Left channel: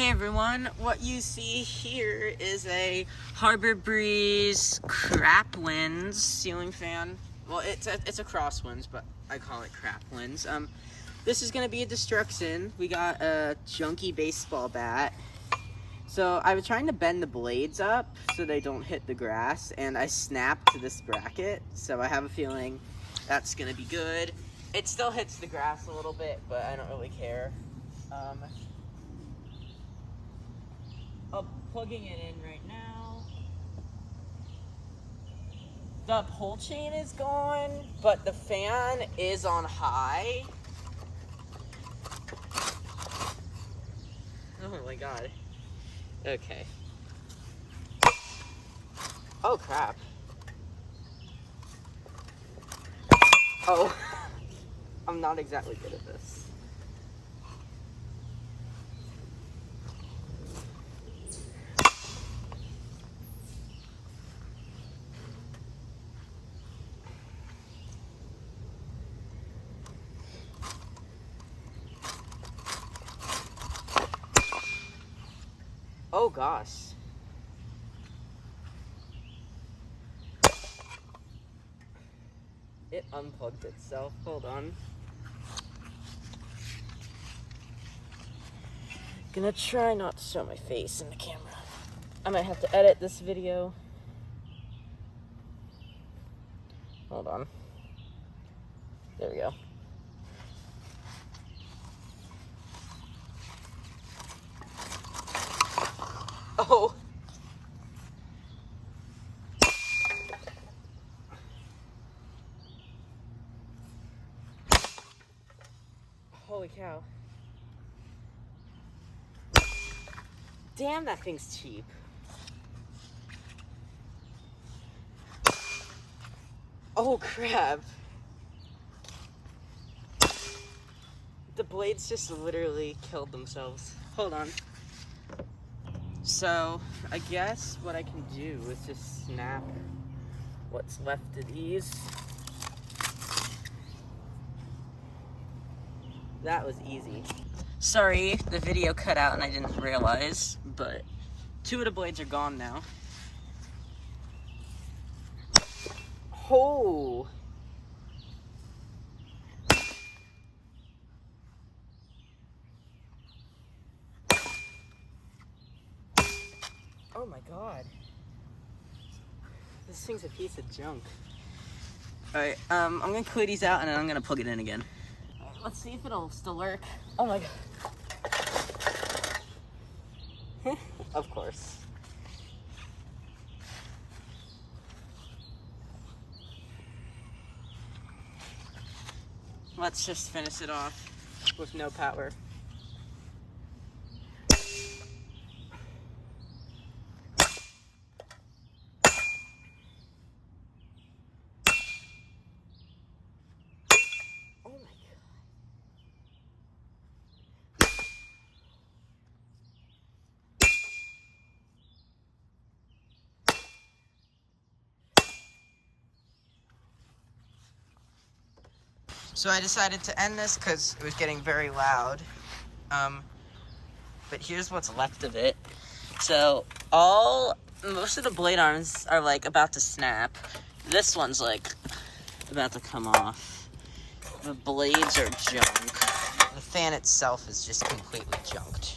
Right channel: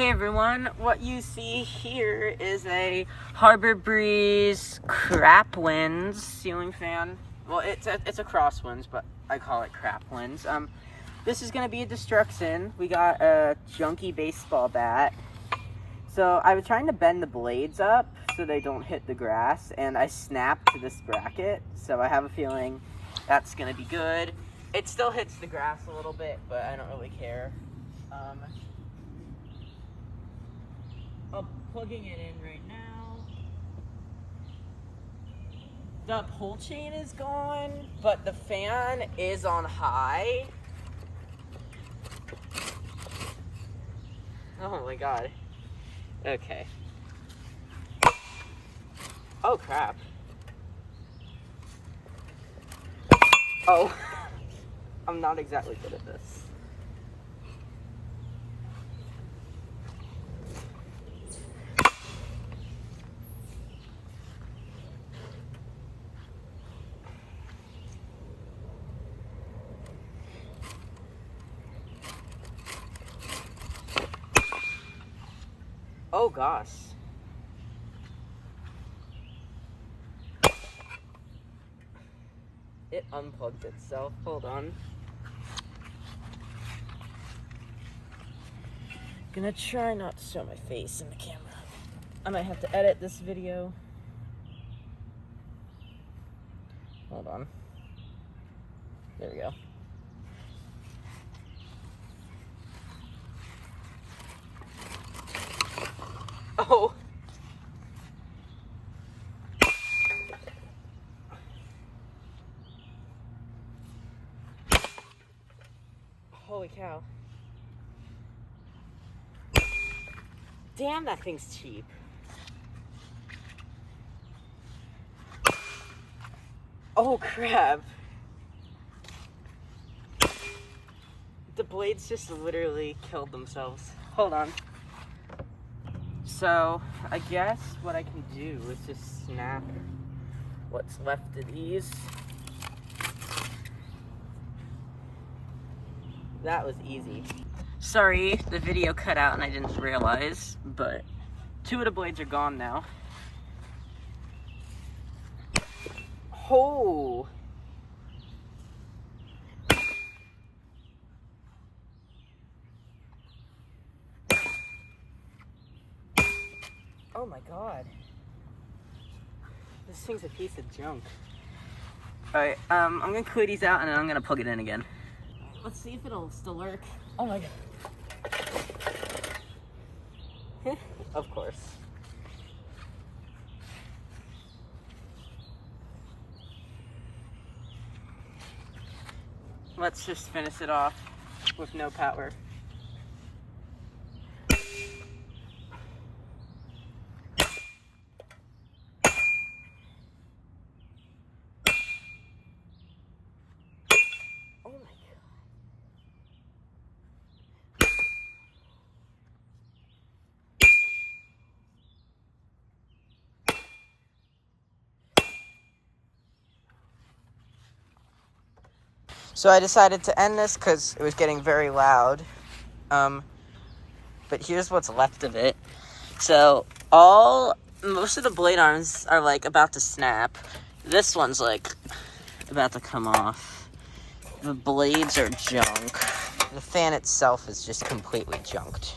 Hey everyone, what you see here is a Harbor Breeze crap winds ceiling fan. Well, it's a crosswinds, but I call it crap winds. This is gonna be a destruction. We got a junky baseball bat. So I was trying to bend the blades up so they don't hit the grass, and I snapped to this bracket. So I have a feeling that's gonna be good. It still hits the grass a little bit, but I don't really care. I'm plugging it in right now. The pull chain is gone, but the fan is on high. Oh my god. Okay. Oh crap. Oh. I'm not exactly good at this. Oh gosh. It unplugged itself. Hold on. Gonna try not to show my face in the camera. I might have to edit this video. Hold on. There we go. Oh. Holy cow. Damn, that thing's cheap. Oh crap. The blades just literally killed themselves. Hold on. So, I guess what I can do is just snap what's left of these. That was easy. Sorry, the video cut out and I didn't realize, but 2 of the blades are gone now. Oh! Oh my god. This thing's a piece of junk. Alright, I'm gonna clear these out and then I'm gonna plug it in again. Let's see if it'll still work. Oh my god. Of course. Let's just finish it off with no power. Oh my god. So I decided to end this because it was getting very loud. But here's what's left of it. So most of the blade arms are like about to snap. This one's like about to come off. The blades are junk. The fan itself is just completely junked.